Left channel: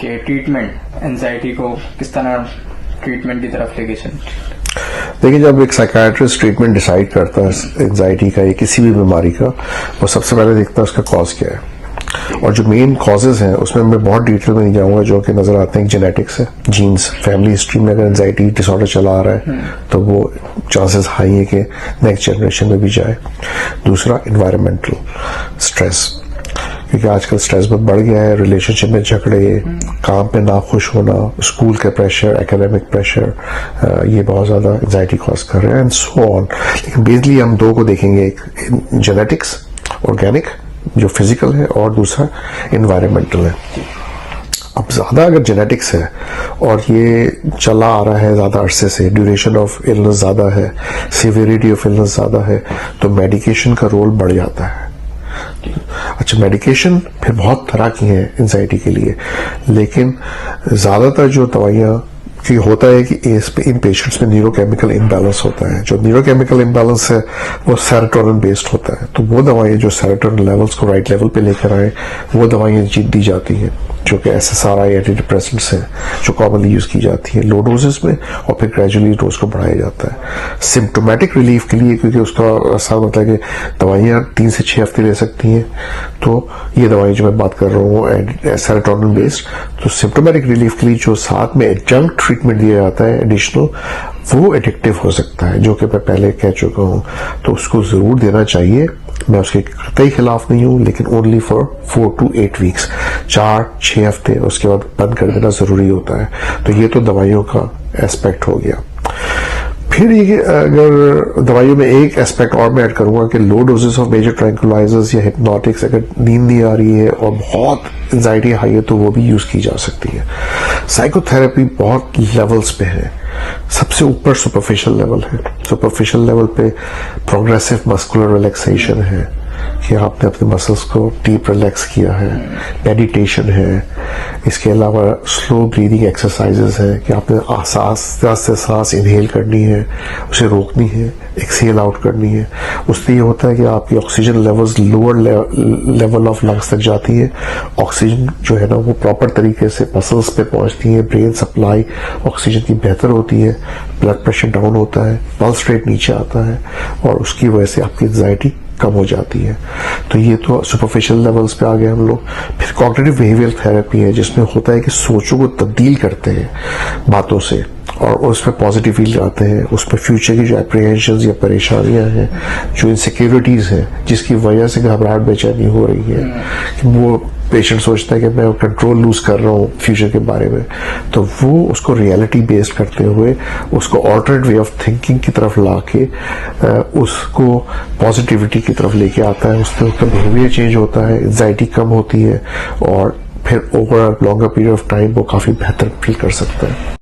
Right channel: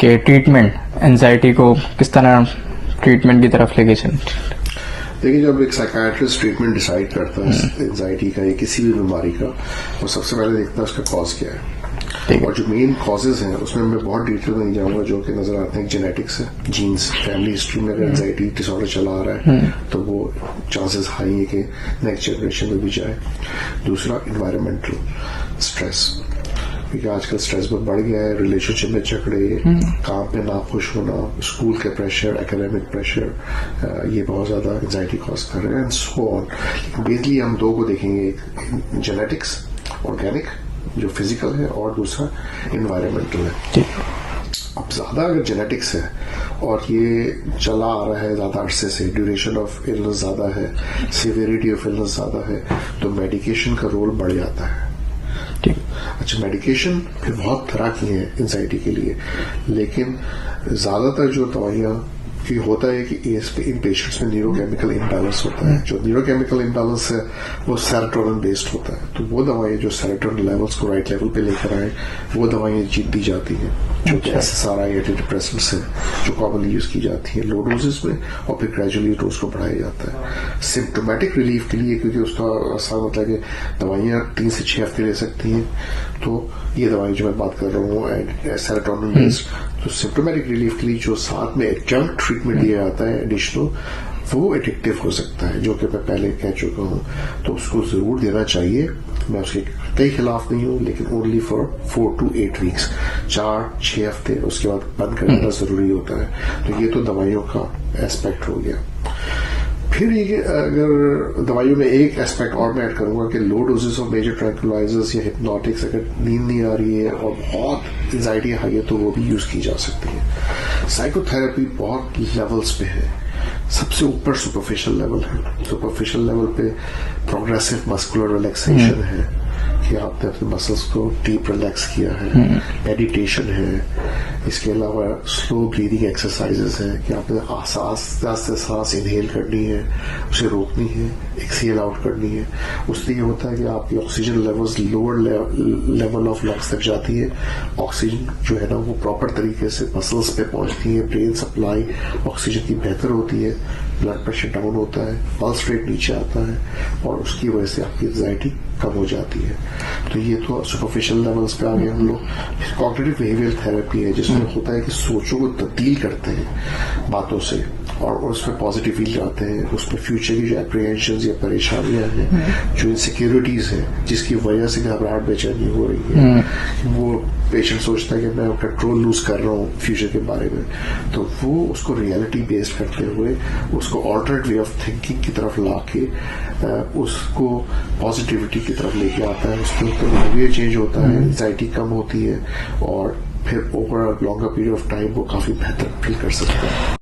कि treatment anxiety को किस तरह ट्रीटमेंट की तरफ लेके चलते? देखिए, जब एक साइकाट्रिस्ट ट्रीटमेंट डिसाइड करता है एंजाइटी का या किसी भी बीमारी का, वो सबसे पहले देखता है उसका कॉज क्या है। और जो मेन कॉजेज हैं उसमें मैं बहुत डिटेल में नहीं जाऊंगा, जो कि नजर आते हैं जेनेटिक्स है, जीन्स, फैमिली हिस्ट्री में अगर एंजाइटी डिसऑर्डर चला आ रहा है तो वो चांसेस हाई है कि नेक्स्ट जनरेशन में भी जाए। दूसरा, इन्वायरमेंटल स्ट्रेस, क्योंकि आजकल स्ट्रेस बहुत बढ़ गया है, रिलेशनशिप में झगड़े, काम पे नाखुश होना, स्कूल के प्रेशर, एकेडमिक प्रेशर, ये बहुत ज्यादा एंजाइटी कॉज कर रहे हैं एंड सो ऑन। लेकिन बेसिकली हम दो को देखेंगे, एक जेनेटिक्स ऑर्गेनिक जो फिजिकल है और दूसरा इन्वायरमेंटल है। अब ज्यादा अगर जेनेटिक्स है और ये चला आ रहा है ज्यादा अरसे से, ड्यूरेशन ऑफ इलनेस ज्यादा है, सिवियरिटी ऑफ इलनेस ज्यादा है, तो मेडिकेशन का रोल बढ़ जाता है। अच्छा, मेडिकेशन फिर बहुत तरह की हैं एंजाइटी के लिए, लेकिन ज्यादातर जो दवाइयां कि होता है कि इन पेशेंट्स में न्यूरोकेमिकल इम्बैलेंस होता है। जो न्यूरोकेमिकल इम्बैलेंस है वो सेरोटोनिन बेस्ड होता है, तो वो दवाइयां जो सेरोटोनिन लेवल्स को राइट लेवल पे लेकर आए वो दवाइयां दी जाती हैं, जो कि SSRI एंटी डिप्रेसेंट्स हैं जो कॉमनली यूज की जाती है लो डोजेस में, और फिर ग्रेजुअली डोज को बढ़ाया जाता है सिम्टोमेटिक रिलीफ के लिए, क्योंकि उसका ऐसा मतलब है कि दवाइयां 3 से 6 हफ्ते ले सकती हैं। तो ये दवाइयां जो मैं बात कर रहा हूँ सेरोटोनिन बेस्ड, तो सिम्टोमेटिक रिलीफ के लिए जो साथ में एडजंक्ट ट्रीटमेंट दिया जाता है एडिशनल, वो एडिक्टिव हो सकता है, जो कि मैं पहले कह चुका हूं, तो उसको जरूर देना चाहिए। मैं उसके कतई खिलाफ नहीं हूं, लेकिन ओनली फॉर 4 to 8 वीक्स, 4-6 हफ्ते, उसके बाद बंद कर देना जरूरी होता है। तो ये तो दवाइयों का एस्पेक्ट हो गया। फिर ये अगर दवाइयों में एक एस्पेक्ट और मैं ऐड करूंगा कि लो डोजेस ऑफ मेजर ट्रैंक्विलाइजर्स या हिप्नोटिक्स, अगर नींद नहीं आ रही है और बहुत एंजाइटी हाई है तो वो भी यूज की जा सकती है। साइकोथेरेपी बहुत लेवल्स पे है। सबसे ऊपर सुपरफिशियल लेवल है। सुपरफिशियल लेवल पे प्रोग्रेसिव मस्कुलर रिलैक्सेशन है कि आपने अपने मसल्स को डीप रिलैक्स किया है, मेडिटेशन है, इसके अलावा स्लो ब्रीदिंग एक्सरसाइजेस है कि आपने सांस इनहेल करनी है, उसे रोकनी है, एक्सहेल आउट करनी है। उससे ये होता है कि आपकी oxygen levels lower level of lungs तक जाती है, ऑक्सीजन जो है ना वो प्रॉपर तरीके से मसल्स पे पहुंचती है, ब्रेन सप्लाई ऑक्सीजन की बेहतर होती है, ब्लड प्रेशर डाउन होता है, पल्स रेट नीचे आता है, और उसकी वजह से आपकी एंजाइटी कम हो जाती है। तो ये तो सुपरफिशियल लेवल्स पे आ गए हम लोग। फिर कॉग्निटिव बिहेवियर थेरेपी है, जिसमें होता है कि सोचों को तब्दील करते हैं बातों से और उस पर पॉजिटिव फील आते हैं, उस पर फ्यूचर की जो एप्रीहेंशंस या परेशानियां हैं, जो इनसिक्योरिटीज हैं जिसकी वजह से घबराहट बेचैनी हो रही है, कि वो पेशेंट सोचता है कि मैं कंट्रोल लूज कर रहा हूँ फ्यूचर के बारे में, तो वो उसको रियलिटी बेस्ड करते हुए उसको ऑल्टरनेट वे ऑफ थिंकिंग की तरफ लाके उसको पॉजिटिविटी की तरफ लेके आता है। उसमें उसका बिहेवियर चेंज होता है, एंजाइटी कम होती है, और फिर over longer period of time वो काफी बेहतर फील कर सकता है।